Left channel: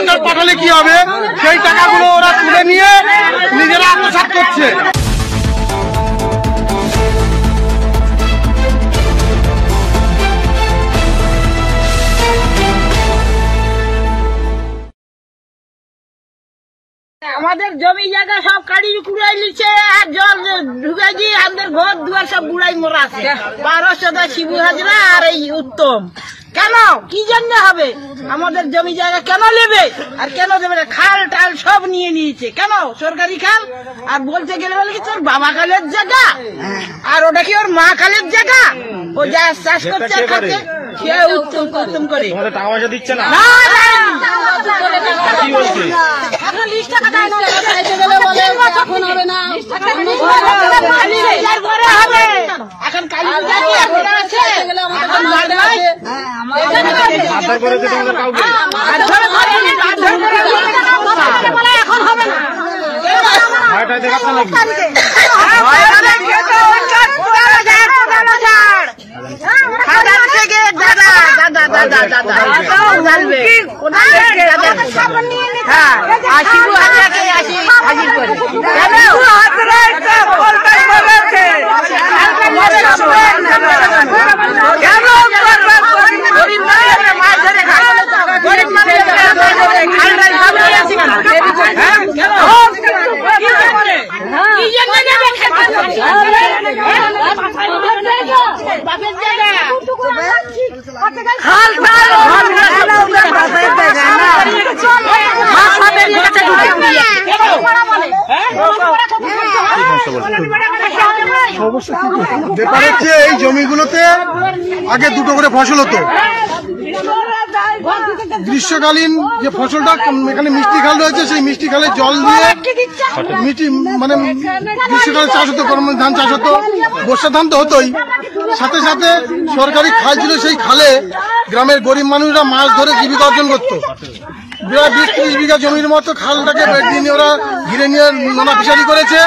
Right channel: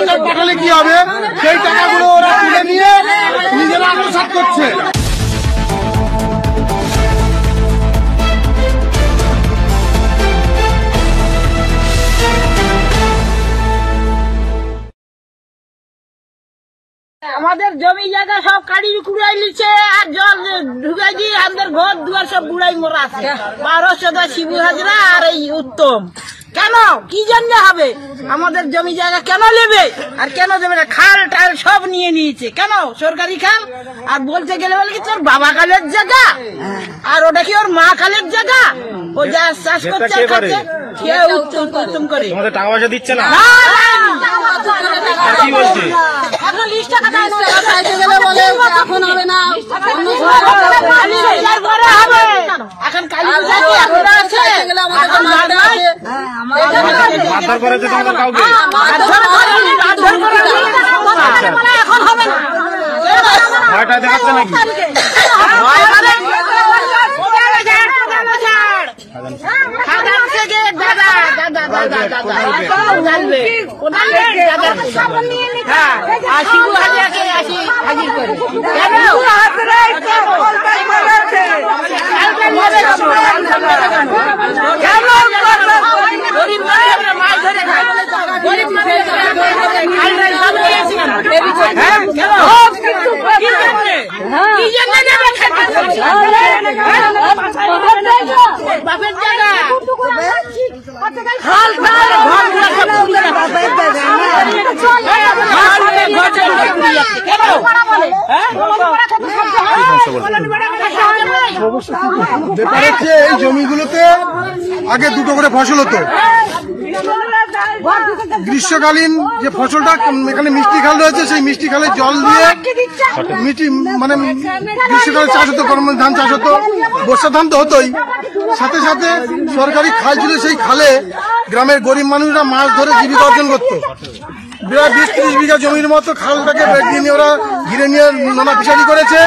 সরকার পাঠালে কি হবে, সেই টাকাগুলো ওরা তুলে নিয়ে নিজেরা আত্মসাৎ করছে। আমাদের জমি জায়গা সব কাড়ি কুড়াই নিচ্ছে আর জল ঢুকাই দিয়ে আমাদের ঘর দুয়ার সব বুড়াই মরা আছে। 1200 শিবু হাজরা আর এই উত্তম। কেন কি জন্য হবে? আমাদের জমি জায়গা কেন নেবে আর কেন দেবে না? খাল টাল সব নিয়ে নিয়েছে। কেন? সরকারি খাল। আর বলতে গেলে বলে কি তোর বাবা কালের জায়গা আর ওটা কি ওর মা কালের জায়গা। ও যা চাষ করছে আর খাচ্ছে উত্তম করে টাকা পয়সা দিচ্ছে না। এখন কালী এখন হবে না। ব্যাপার হচ্ছে এই জমিগুলোতে আগে দুটো করে ফসল হতো। গ্রীষ্মকালীন যে ফসলটা এখানে মিষ্টি খাল রয়েছে, সেই মিষ্টি খালে জল দিয়ে মানে গ্রীষ্মকালে চাষ হতো, ধান চাষ হতো, বর্ষা ধান তো হতোই। সাথে সাথে সরকারি খাল ছিল, সেই খালে গ্রামের গরিব মানুষরা মাছ ধরে জীবিকা অর্জন করতো। 20-30 বিঘা জমির মতো খালটাকে নিয়ে ওরা ঘিরে নিয়ে নোনা ফিশারি করেছে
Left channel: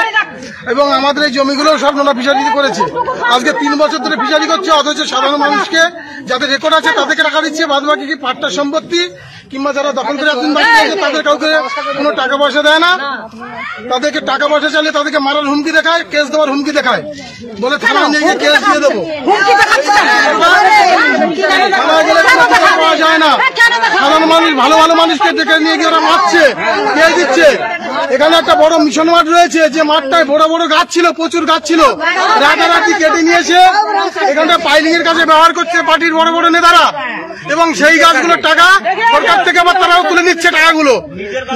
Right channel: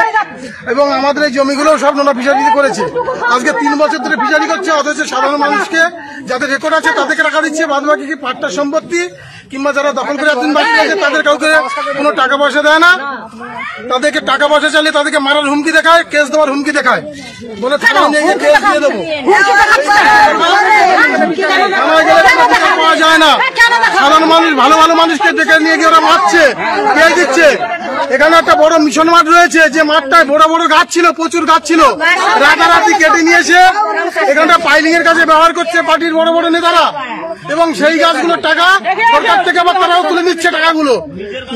এবং আমাদের এই জমিগুলো সব নোনা ফিশারি করেছে। আজকে 3 বছর ধরে ফিশারি করছে, অথচ সাধারণ মানুষকে যাদের রেকর্ড আছে তাদেরকে টাকা দিচ্ছে, বাদ বাকি কি পাট্টা সম্পত্তি কিংবা যারা দখল করে একদিন বাকি আছে তাদের কাউকে কোনো টাকা পয়সা দেয় না। তাদেরকে টাকা পয়সা চাইলে তাদেরকে মারার হুমকি দেখায়, কেস দেওয়ার হুমকি দেখায়, বলে থানায় নিয়ে কেস দিয়ে দেবো। যায় না, সাধারণ মানুষ ভালো ভালো মানুষকে ডেকে নিয়ে গিয়ে ওরা মারছে, কেস দিচ্ছে। এখানে একটা বড় মিশন মাঠ রয়েছে, যে মাঠটায় বড় বড় গাছ ছিল, প্রচুর গাছ ছিল, রাতারাতি কেটে নিয়েছে। এখানটা পাইলিং এর কাছে ব্যবহার করছে পার্টির বড় বড় নেতারা, এবং সেই গাছগুলোর টাকা সরকার থেকে আবার তারাও তুলে নিচ্ছে টাকাগুলো।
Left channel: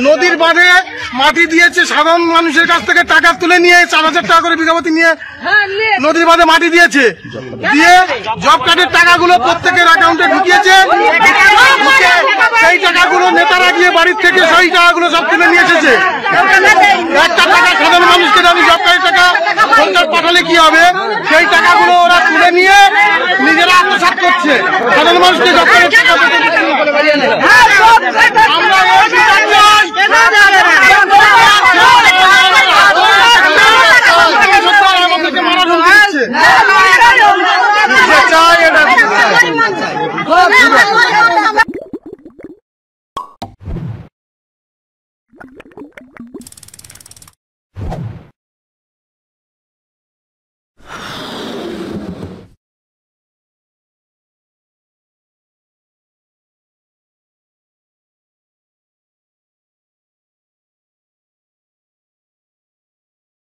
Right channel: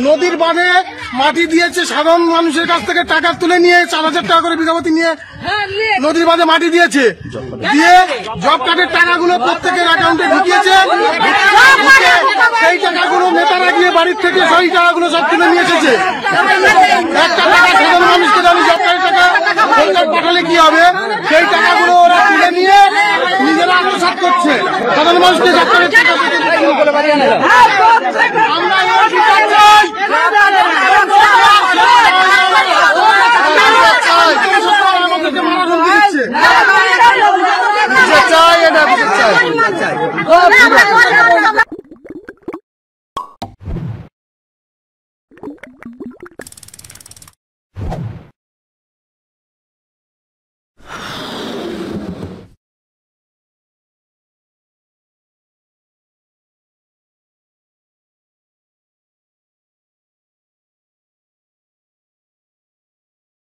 নদীর বাঁধে মাটি দিয়েছে, সাধারণ মানুষের কাছ থেকে টাকা তুলে নিয়ে 4000 টাকা করে বিঘাপতি নিয়ে নদীর বাঁধে মাটি দিয়েছে, দিয়ে জব কার্ডের টাকাগুলো প্রত্যেকের অ্যাকাউন্টে ঢুকিয়েছে। সেই টাকাগুলো নেতারা গিয়ে বাড়ির থেকে সেই টাকাগুলো সব তুলে নিয়ে এসেছে। একটা টাকা সাধারণ মানুষকে জানি জব কার্ডের টাকা সরকার পাঠালে কি হবে, সেই টাকাগুলো ওরা তুলে নিয়ে নিজেরা আত্মসাৎ করছে। সাধারণ মানুষকে জব কার্ডের টাকা চাই।